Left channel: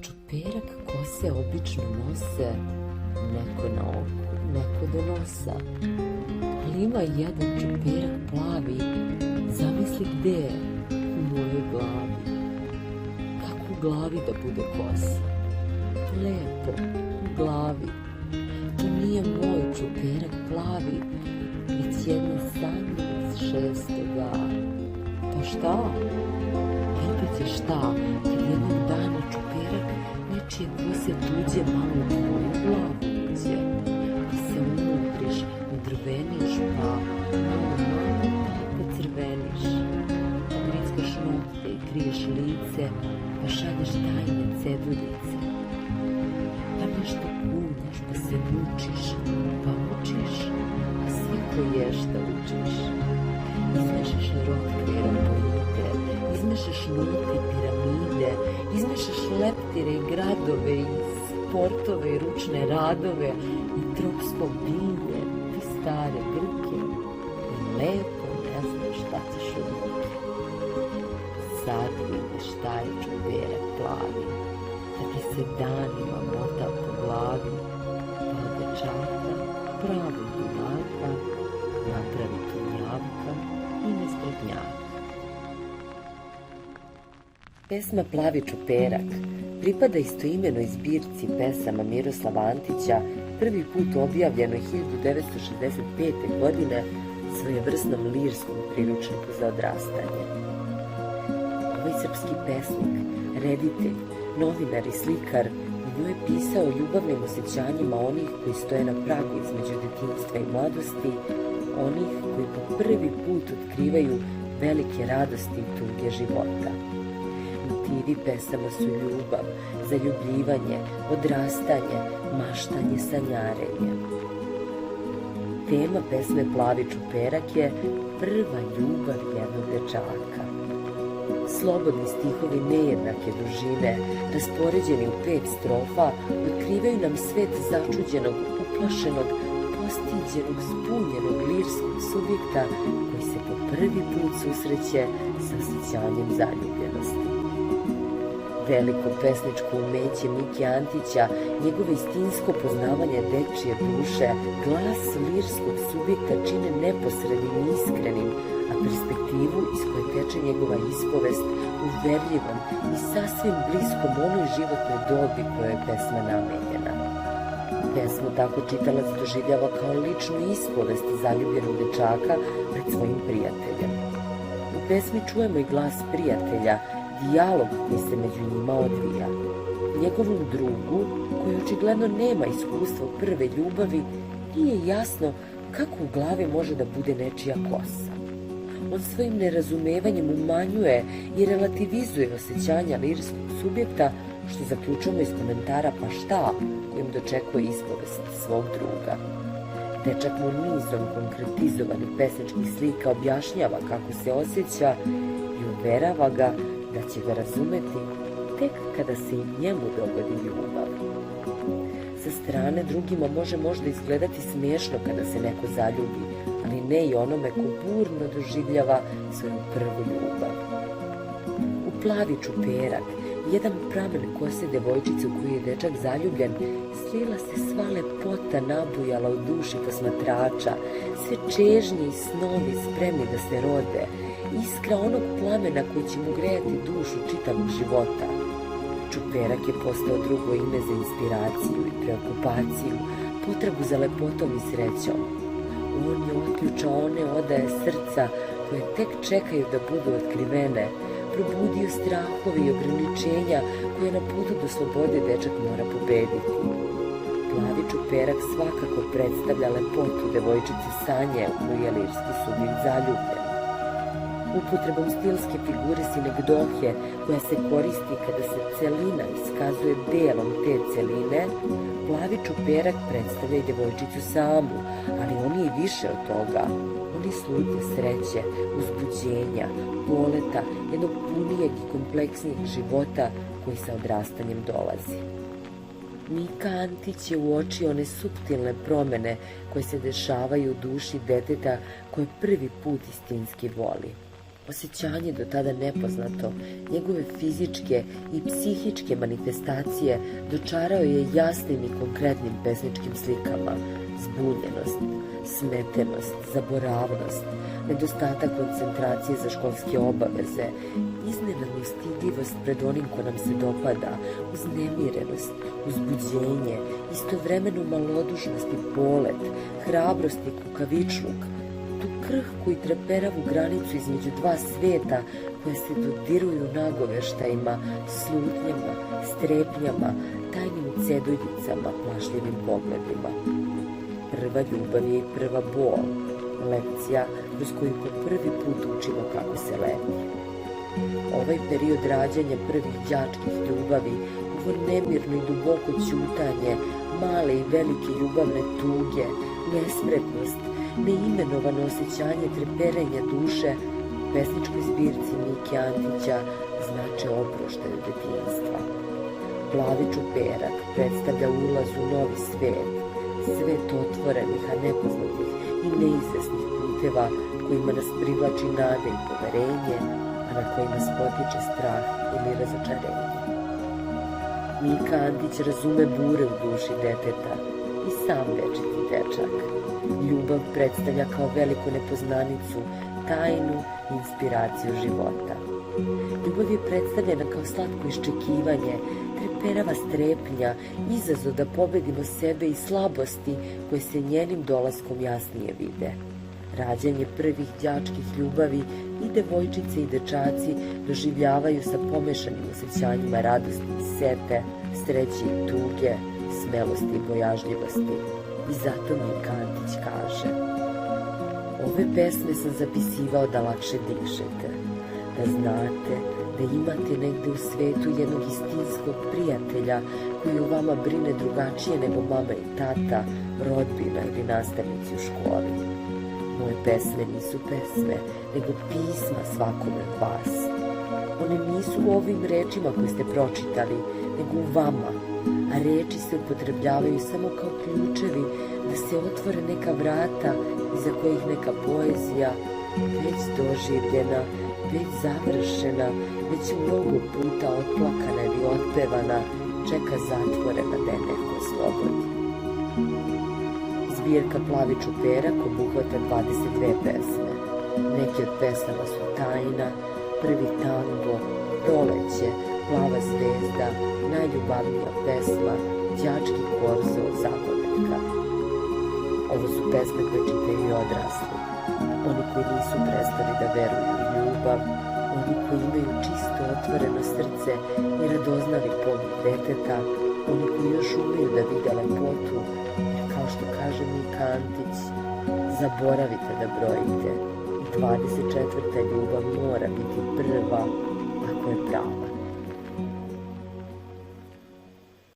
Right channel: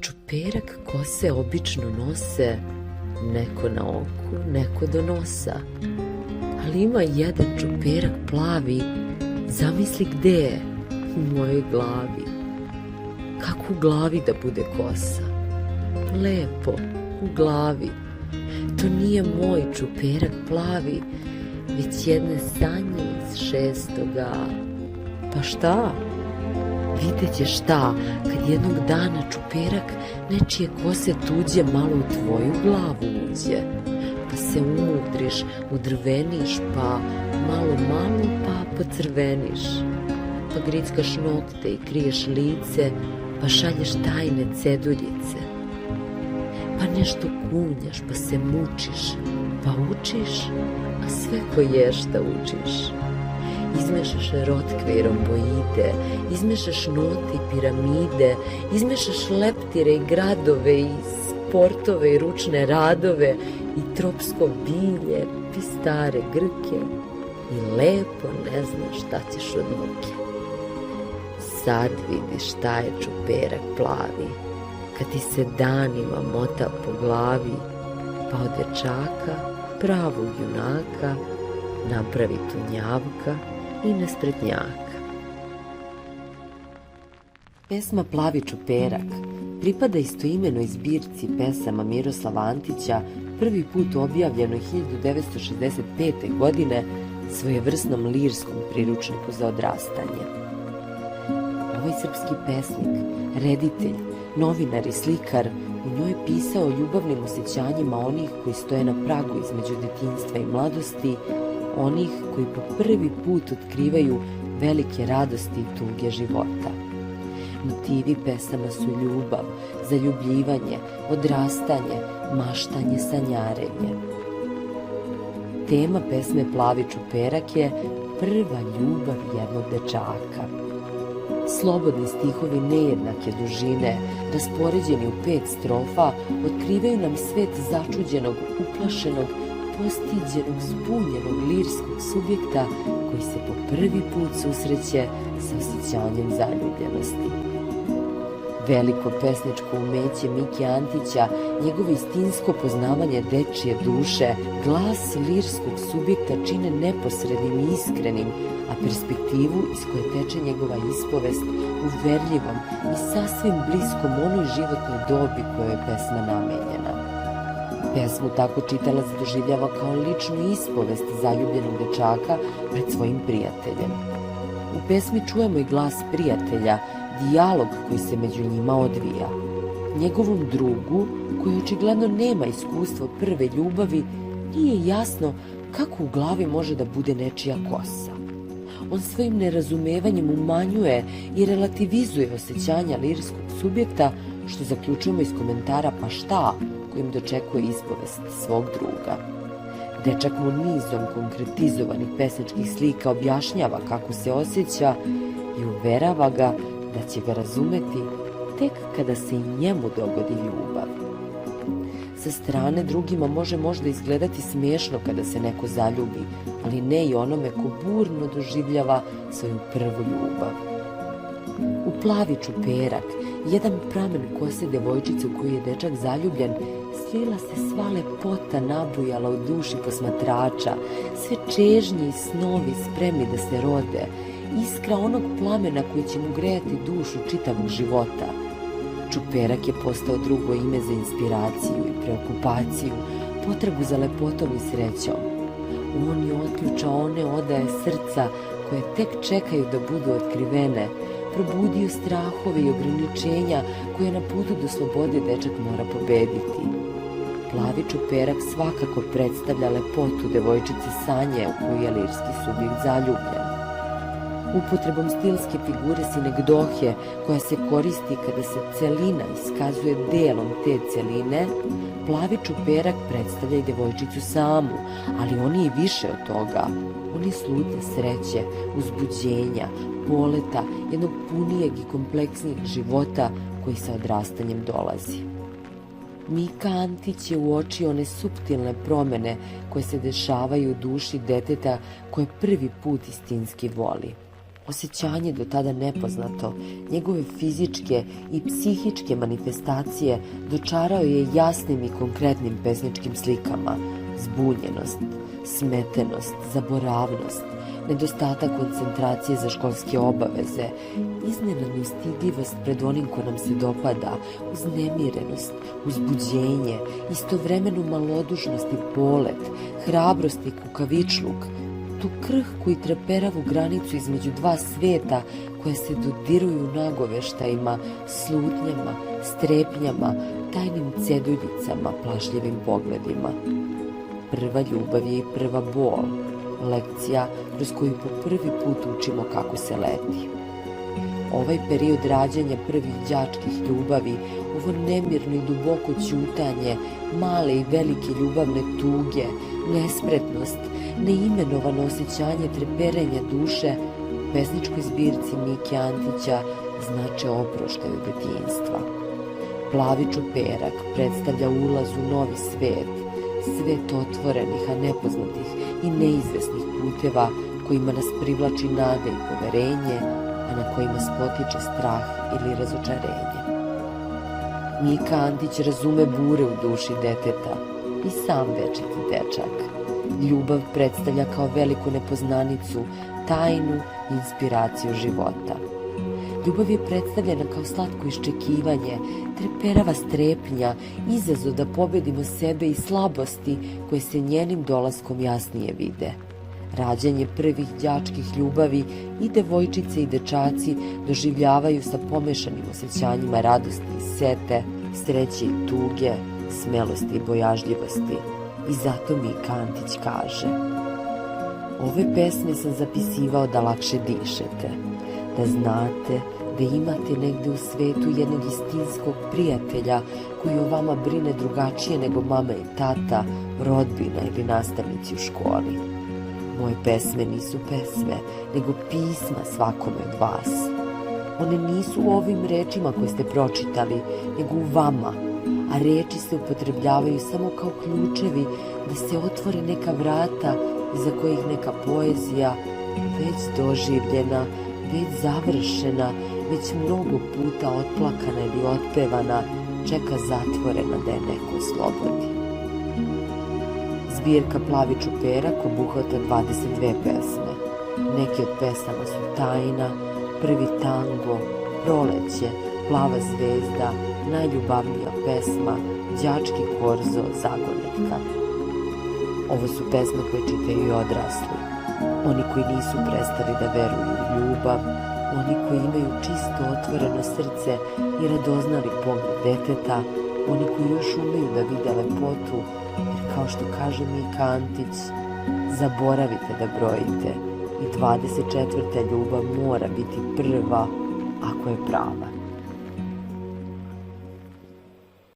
Čuperak kose obično nose neko na oku, neko do nosa. Ali ima jedan čuperak plavi, zamisli gde je, u mojoj glavi. Kako u glavi da bude kosa? Lepo, u glavi. To nije moj čuperak plavi, već jedne sanje iz 6. A. Pa šta? Vidjet ćeš šta, kad jednog dana čuperak nečije kose tuđe malo u tvoju glavu uđe. Pa se umudriš, udrveniš, pa malo, pa pocrveniš. Pa grickaš nokte i kriješ lice, pa šalješ tajne ceduljice. Pa nešto kunjaš, pa se mučiš, pa učiš, a sve ko ješta učiš. Izmešaš rotkve i romboide, izmešaš note i piramide, izmešaš leptire i gradove i sportove i ručne radove i tropsko bilje i stare grke i lepo ne znaš šta ćeš od muke. Sad vidiš šta je čuperak plavi, kad ti se danima mota po glavi, pa od dečaka pravog junaka napravi tunjavka i nespretnjaka. Pesma Plavi čuperak pripada istoimenoj zbirci pesama Miroslava Antića, prvi put objavljenoj 1965. godine, svojevrsnom lirskom priručniku za odrastanje. Ovaj srpski pesnik, reditelj, novinar i slikar u njoj je pisao o ljubavnim osjećanjima onih koji stoje na pragu između detinjstva i mladosti, onih koji po prvi put otkrivaju velike radosti i tuge života. Motivi pesama su ljubav, zaljubljivanje, odrastanje, maštanje, sanjarenje. Tema pesme Plavi čuperak je prva ljubav jednog dečaka. Slobodni stihovi nejednake dužine, raspoređeni u 5 strofa, otkrivaju nam svet začuđenog, uplašenog, postiđenog, zbunjenog lirskog subjekta koji se po prvi put susreće sa osjećanjem zaljubljenosti. Veliko pesničko umeće Mike Antića, njegovo istinsko poznavanje dečije duše, glas lirskog subjekta čine neposrednim i iskrenim, a perspektivu iz koje teče njegova ispovest uverljivom i sasvim bliskom onoj životnoj dobi kojoj je pesma namenjena. Pesmu tako čitalac doživljava kao ličnu ispovest zaljubljenog dečaka pred svojim prijateljem. U pesmi čujemo i glas prijatelja, dijalog koji se među njima odvija. Njegovom drugu, koji očigledno nema iskustva prve ljubavi, nije jasno kako u glavi može da bude nečija kosa. On svojim nerazumevanjem umanjuje i relativizuje osjećanja lirskog subjekta, što zaključujemo iz komentara Pa šta, kojim dočekuje ispovest svog druga. Dečak mu nizom konkretizovanih pesničkih slika objašnjava kako se osjeća i uverava ga da će ga razumeti tek kada se i njemu dogodi ljubav. Sa strane drugima može možda izgledati smiješno kada se neko zaljubi, ali ne i onome ko burno doživljava svoju prvu ljubav. U Plavi čuperak, jedan pramen kose devojčice u koju je dečak zaljubljen, slila se sva lepota nabujala u duši posmatrača, sve čežnje i snovi spremni da se rode, iskra onog plamena koji će mu grejati dušu čitavog života. Čuperak je postao drugo ime za inspiraciju i preokupaciju, potrebu za lepotom i srećom. On je otključao one odaje srca koje tek čekaju da budu otkrivene, probudio strahove i ograničenja koje na putu do slobode dečak mora pobediti. Plavi čuperak svakako predstavlja lepotu devojčice Sanje u koju je lirski subjekt zaljubljen. Upotrebom stilske figure sinegdohe koja se koristi kada se celina iskazuje delom te celine, Plavi čuperak predstavlja i devojčicu samu, ali on je i više od toga. On je slutnja sreće, uzbuđenja, poleta, jednog punijeg i kompleksnijeg života koji sa odrastanjem dolazi. Mika Antić je uočio one suptilne promene koje se dešavaju u duši deteta koje prvi put istinski voli. Osjećanje do tada nepoznato, njegove fizičke i psihičke manifestacije dočarao je jasnim i konkretnim pesničkim slikama. Zbunjenost, smetenost, zaboravnost, nedostatak koncentracije za školske obaveze, iznenadnu stidljivost pred onim ko nam se dopada, uznemirenost, uzbuđenje, istovremenu malodušnost i polet, hrabrost i kukavičluk, tu krhku i treperavu granicu između dva sveta koje se dodiruju nagoveštajima, slutnjama, strepnjama, tajnim ceduljicama, plašljivim pogledima. Prva ljubav je i prva bol, lekcija kroz koju po prvi put učimo kako se leti. Ovaj period rađanja prvih đačkih ljubavi, ovo nemirno i duboko ćutanje, male i velike ljubavne tuge, nespretnost, neimenovano osjećanje treperenja duše, u pesničkoj zbirci Mike Antića znače oproštaj od detinjstva. Plavi čuperak predstavlja ulaz u novi svet, svet otvorenih, a nepoznatih i neizvesnih puteva kojima nas privlači nada i poverenje, a na kojima spotiče strah ili razočarenje. Mika Antić razume bure u duši deteta i sam večiti dečak. Ljubav predstavlja kao veliku nepoznanicu, tajnu i inspiraciju života. Ljubav je predstavljena kao slatko iščekivanje, treperava strepnja, izazov da pobedimo sebe i slabosti koje se njenim dolaskom jasnije vide. Rađanje prvih đačkih ljubavi i devojčice i dečaci doživljavaju sa pomešanim osjećanjima radosti i sete, sreće i tuge, smelosti i bojažljivosti. I zato Mika Antić kaže: ove pesme sam zapisivao da lakše dišete, da znate da imate negde u svetu jednog istinskog prijatelja koji o vama brine drugačije nego mama i tata, rodbina ili nastavnici u školi. Moje pesme nisu pesme, nego pisma svakome od vas. One nisu u ovim rečima koje ste pročitali, nego u vama, a reči se upotrebljavaju samo kao ključevi da se otvore neka vrata iza kojih neka poezija, već doživljena, već završena, već mnogo puta otplakana ili otpevana, čeka zatvorena da je neko oslobodi. Zbirka Plavi čuperak obuhvata 22 pesme. Neke od pesama su Tajna, Prvi tango, Proleće, Plava zvezda, Najljubavnija pesma, Đački korzo, Zagonetka. Ovo su pesme koje čitaju i odrasli. Oni koji nisu prestali da veruju u ljubav, oni koji imaju čisto otvoreno srce i radoznali pogled deteta, oni koji još umeju da vide lepotu, jer kao što kaže Mika Antić, zaboravite da brojite i 24. ljubav mora biti prva ako je prava.